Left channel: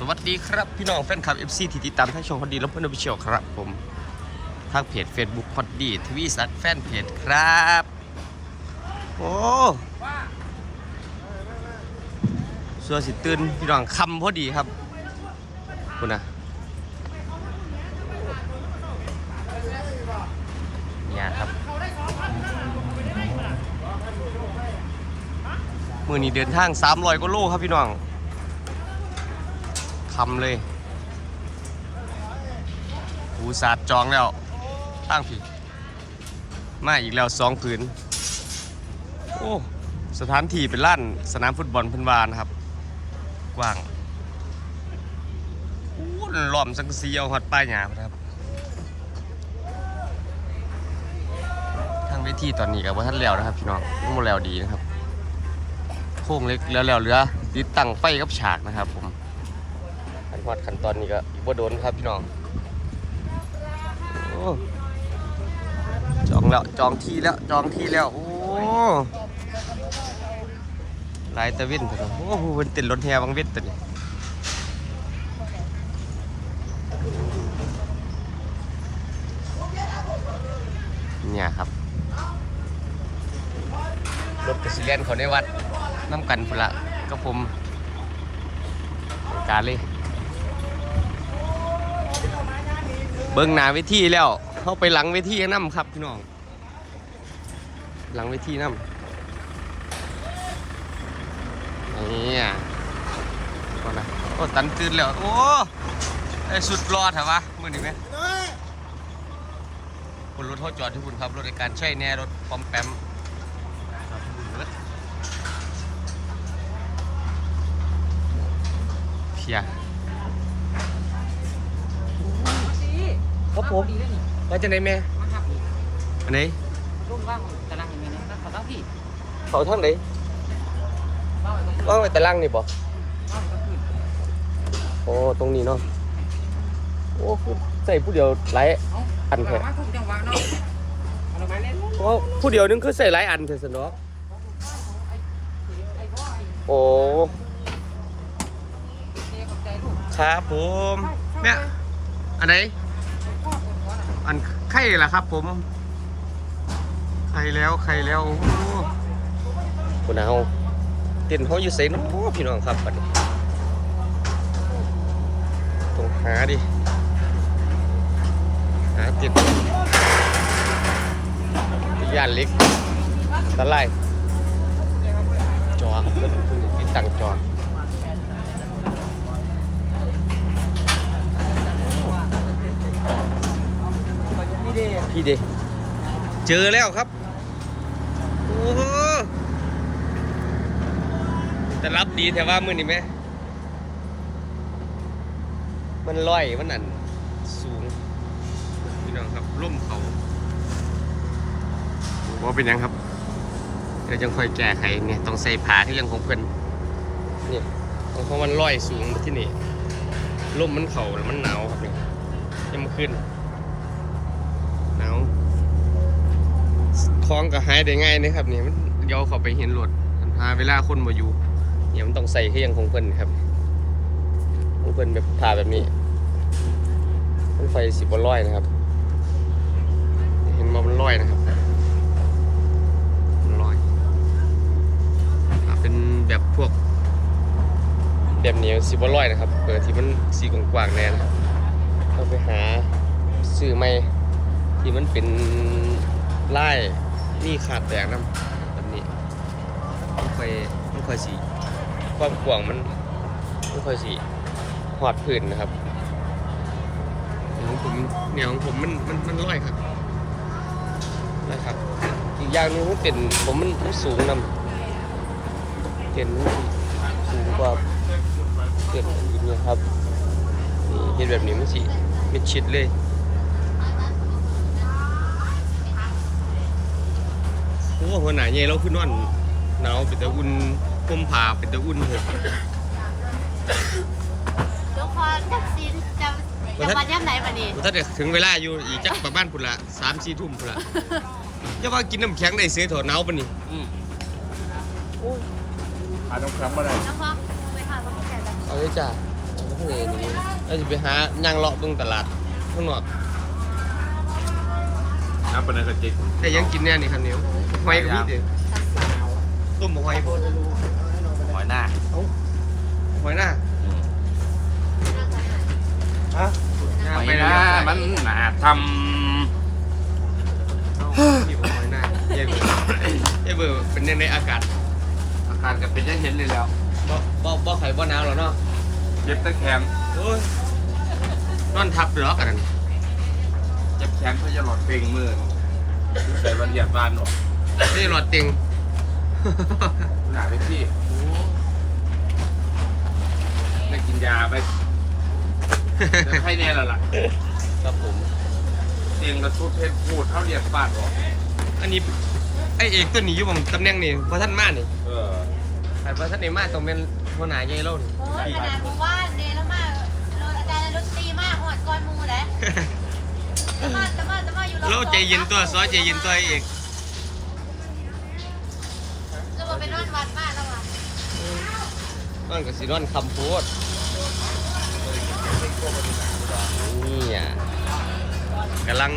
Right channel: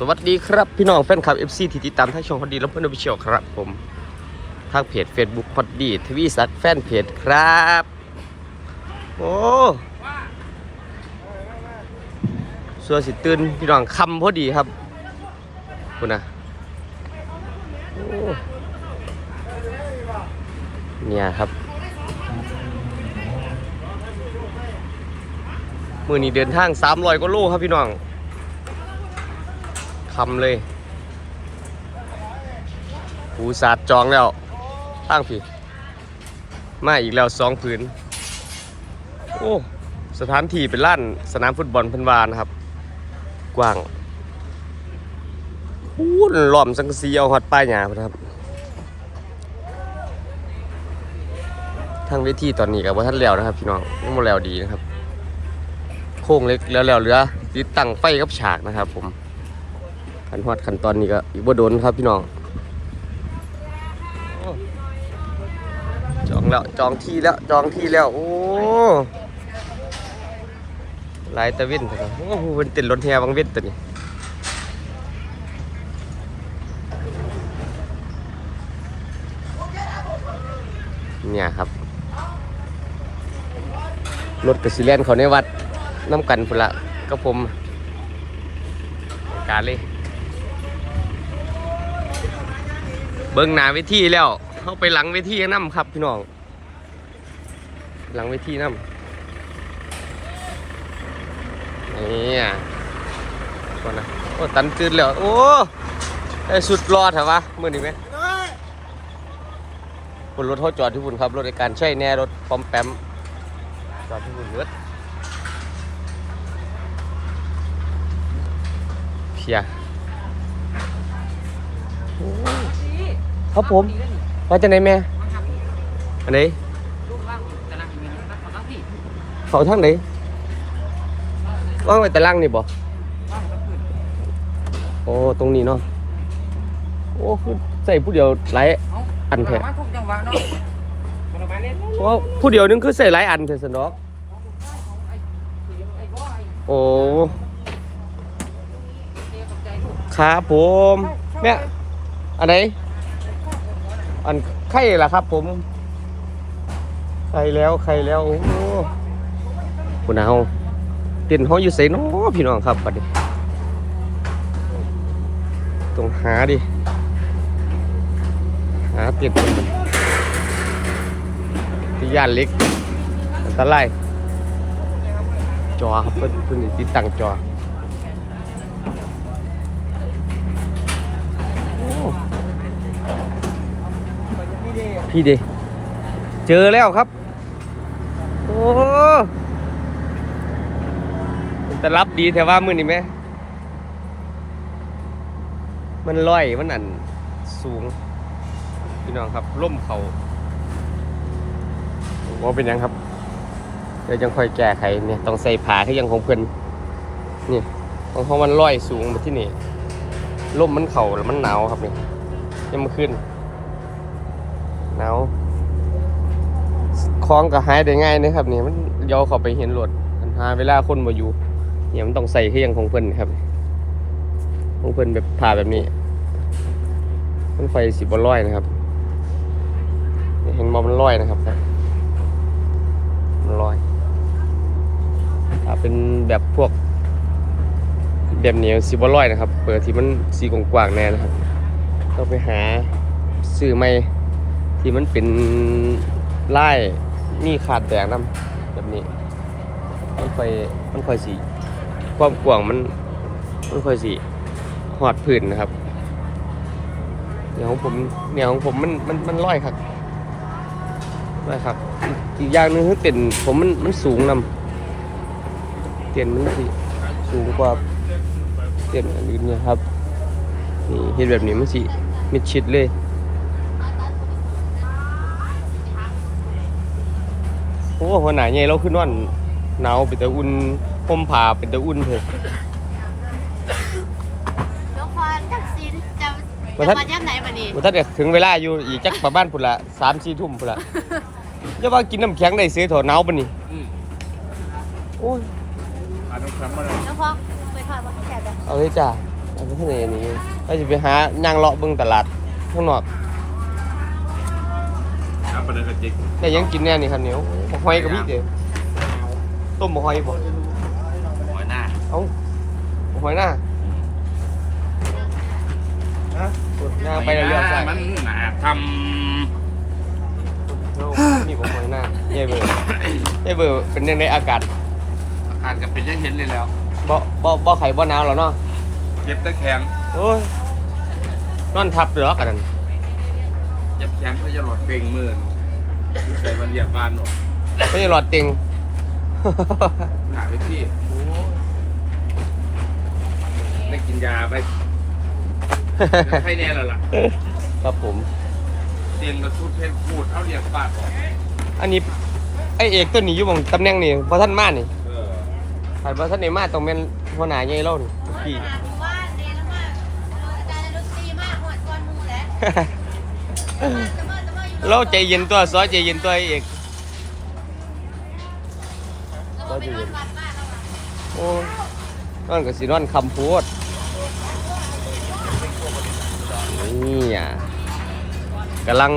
สวัสดีครับ พี่น้องแฟนคลับ FC ที่ติดตามทั้งช่องพอดีและเพื่อนอภิเชียวครับ ผมทางเพจ Facebook พอดีทวีสัตแฟนเพจครับ โอ้ส่วสิตื่นพี่น้องคำพอดีครับคุณนะเนี่ยครับมือนี้เดินทาง300กว่าโลครับพี่น้อง คำเลยหูสาดจองแล้วทางพี่มาอีกแล้วสองผืน โอ้ สถานที่เป็นล้านสนามฟุตบอลพันวานะครับ กว้างอู้ล้อมสังกะสีเอาฮอดป้ายหญ้าครับ ทางเวทีตอนนี้กับว่าท่านแล้วนะครับพี่น้องยังบ่แล้วดีนะครับ โค้งเล็กแล้วแล้วเหลือติดตั้งไฟกับฉากนะครับผม ขันฮอดขั้นตอนนี้ก็อีกบ่โดนครับพี่น้องอจองแล้วจองที่แล้วจองที่แล้ว โอ้ลายตะเว้นเถอะครับโอ้โหเป็นต็นรถแฮบางเว้นตัวนี้เนี่ยครับรถกระสิเลนเขาในวัดน้ำกันพุละก็ผมการเลย เบิ้งหน้าเวทีแล้วเข้าไปหลังเวทีน้ำครับพี่น้อง หลังเวทีน้ำนี่อะก่อนนะโอ้ตันตื่นแล้ว โอ้ได้สุดรอดเหรอวะมือนี้ไหมคุณรถเขาจอดที่คุณครับ รถในการใช้แน่รถปอมแปมจอดที่บุญเลือดเพียโอ้ ครับผมมาจากไหนแม่มาครับพี่อันไหนรูปร่างตารางอย่างนี้นะเขาต้องพี่เขาทางไหนเล่าให้ก็ขึ้นว่างไว้แต่ล่างนี่บ่เล่าให้ก็ขึ้นโอ้ตรงนี้เนาะโอ้ผู้ใส่ผู้เดียวหลาย เอ้าอันแท้มาทุกจังหวะเนาะประมาณนี้โอ้ผู้เดียวนึงคือใส่หลายอันเถอะสนอกของลูกชายของไอ้เสียงไอ้พ่อไอ้โอ้เสียกับใจลูกครับผมแม่อันไหน อันไข่ล่ะครับ ผมไข่แล้วไข่แล้วโอ้โหคุณเอาเตียนห้องอยู่ใส่น้อพี่น้องครับบัดนี้ต้องหาดิหาเตียนที่ย่านเล็กตะไลจอครับเพิ่นเพิ่นติดตั้งจอ พี่เดเจอแล้วครับ โอ้โหแต่รับดีแต่ว่ามือนี่ไหม มันลอยมันอันสูง พี่น้องครับล่มเขาว่าเป็นยังครับ เดี๋ยวยังค่อยแก้ไขเนี่ยต้องใส่ผ้าที่ยังของเพื่อนนี่ของเขามันลอยสูงมาที่นี่ล่มมันเข่าแล้วมันหนาวครับนี่ยังมาขึ้น หนาวคล้องก็หายได้ง่ายนะครับนี่มันเดี๋ยวเขาไปเห็นรถอันหาเวลาคนมาอยู่เนี่ยมันต้องใส่ที่ยังของเพื่อนครับของเพื่อนแบบผ่าแบบนี้เป็นไฟสิบร้อยนะครับเห็นมอมันร้อยนะครับมันลอยถ้าเป็นแบบพวกแบบเหนียวสิบร้อยนะครับ เปิดที่มันสีกว้างๆแน่นะครับก็ไปหาซื้อไม่ ที่มันเป็นไล่นี่ขาดแตกน้ำแบบนี้ มันค่อยมันค่อยสีความกว้างมันมันค่อยสีหอดพื้นนะครับแนวของผมแนวของผมมันมันมันร้อยครับร้อยครับอีกอย่างนึงคือเต็นผมมันมันสูงนำเต็นนสิสูงกว่าเต็นอันอื่นเนี่ยครับนี่เห็นแบบนี้มันสิมิดชิดเลย โอ้ หัวหน้าใหญ่เราขึ้นนอนหนาวเป็นตะอุ่นห่มผ้าเป็นตะอุ่นเถอะทุกคนทักษิณจะจะมาย่ำไหนวันนี้มันถ้าจะถึงเวลาอยู่อีกจักประมาณพุ่นละสามสี่ทุ่มพุ่นละอย่าว่ากินน้ำแข็งได้ซื้อถอดหนาวปะนี่อืมโอ้ยหาน้ำแข็งมาเลยแล้วพอไปพาคนแก่แบบเอาเลยจ้าที่ไหนนี่ไอ้จะไปหาย่างเลาะเบิ่งตลาดข้างนอก ครับปนันกระจิกแต่ยังกินแน่นี่ครับเหนียวหอยกับมีเด้อต้มบ่หอยบ่หอยหน้าเอ้าหอยหน้าฮะย่างหอยไปหแล้วน้าใส่มันหนาทนี่ผมหอยหน้าเย่เบอร์เย่เบอร์เป็นยังไงอากาศำอาการกับเป็นยังเห็นเลยแล้วบ่บ่บ่ไข่บ่หนาวแล้วเนาะเจ็บตะแขนโอ้ยนอนทับเดือกอันนั้น เจ็บแขนเพื่อจะหลอดเป่งมือนใส่วันเหยียดบานหรอกไม่ใช่หลอดติง หนาไปที่ได้กินยาไปเป็นไข้แน่แล้วล่ะครับผม เตียงกระทุดเพชรพูดเอาเหรียญบาทออกอันนี้ไอเอกตัวนี้อยู่บงตำแหน่งนี่พอท่านมานี่เออใครพอท่านไหนมาต้องเป็นหัวหน้าไงเล่านี่โอ้ยขนาดผมว่าเดแล้วมากโดนอาจารย์ดนตรีมากหอดก้อนมูแหล้ว เราใจเย็นตัวซอยใจเย็นตัวเอกแล้วมันเป็นกแล้วเหรอโอ้ยนอนกับสีนอนคำพูดนี่อะกำลัง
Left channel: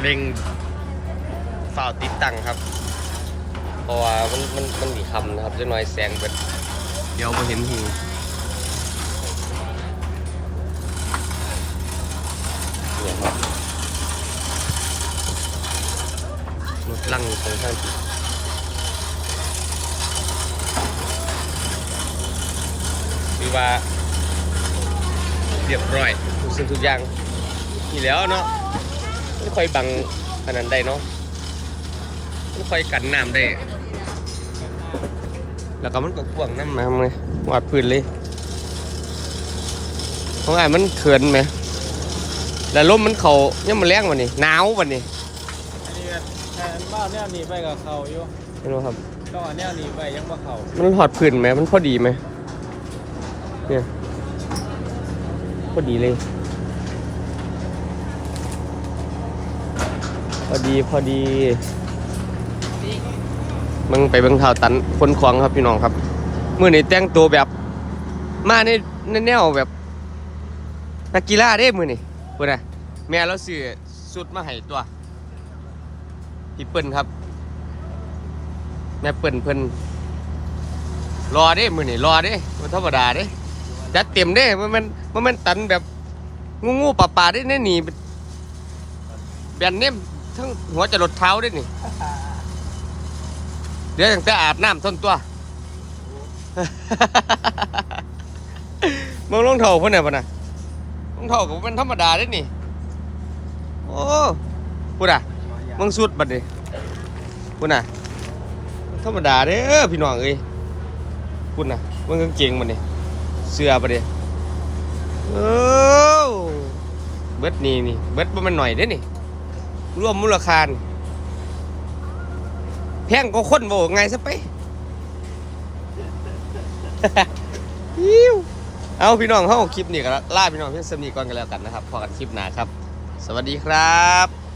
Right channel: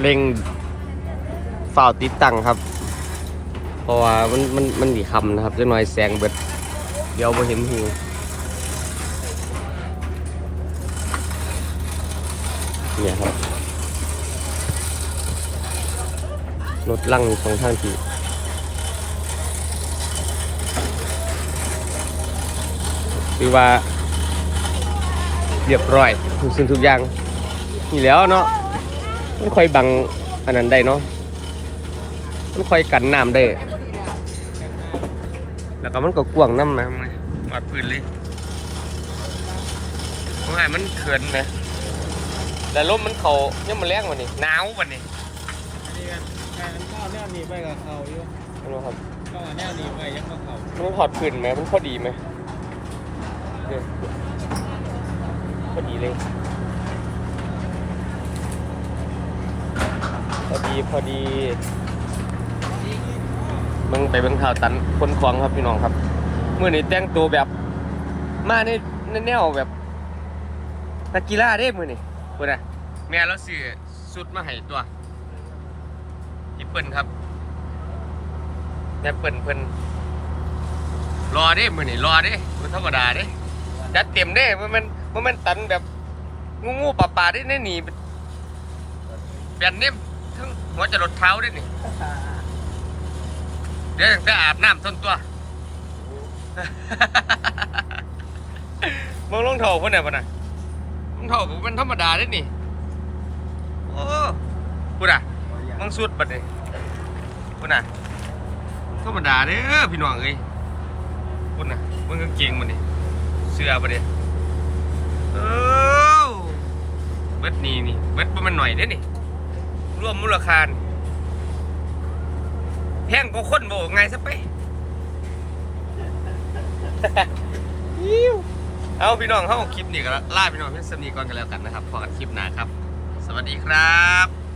เล็งฝ่าติดตั้งครับ เพราะว่ามันมันมันมีคำนะครับจะน้อยแสงเบิด เดี๋ยวพอเห็นหู รถลั่งตรงข้างทีคือว่าเรียบร้อยทุกสิ่งทุกอย่างนี่แล้วเนาะไม่ค่อยบังอันนั้นได้เนาะไม่ค่อยกันน้ำได้ แล้วก็มันก็กว้างน้ำนะครับไงวาดพื้นเลยเพราะว่ามันเขินไหม แต่ลมมันเขาเนี่ยมันแรงวันนี้หนาววันนี้อันนี้แทนบ้านแน่นี่ไปกับเขาอยู่ไม่รู้ครับก็แน่นี่ไปยังมาเขามันถอดพื้นไหมมันพอดีไหมเนี่ยพอดีเลยพอดีพอดีมึงไปเบิ่งข่าวตันคนขวางครับพี่น้องครับมื่อนี้แต่งตัวแบบ มาในในแนวแบบนักกีฬาเด้มือนี่ เพื่อนน่ะแม่เราซื้อสุดมาให้ตัวอีเปิ้นครับ แม่เปิ้นเพิ่นรอเด้มือนี่รอเด้มันธรรมดาเด้จัดเต็มเด้มันมันมันมันตันแบบงูงูป่าป่าๆเด้แน่หนีแบนเนี่ยทั้งหัวจะหลดเท้าเด้นี่เดี๋ยวตั้งแต่อาบน้ำทนตัวมึงรองเท้าเพิ่นน่ะปะน่ะ รองเท้าก็เป็นธรรมดาเด้นี่ โอ้พูดอะมึงสุดบัดดิพูดน่ะธรรมดาเด้อพี่น้องเอ้ยพูดน่ะมึงกางเกงมันนี่เสื้อบัดดิเอ้เบิดนี่นี่เบิดบ่แมันหน่อยเด้นี่รวมมูลค่านี่แพงก็คนบ่ไงซะไป เอาพี่น้องเข้าคลิปนี้กันล่าพี่น้องเพื่อนสมีก่อนกันแล้วกันนะครับพอกันคลิปหน้าครับ สวัสดีครับ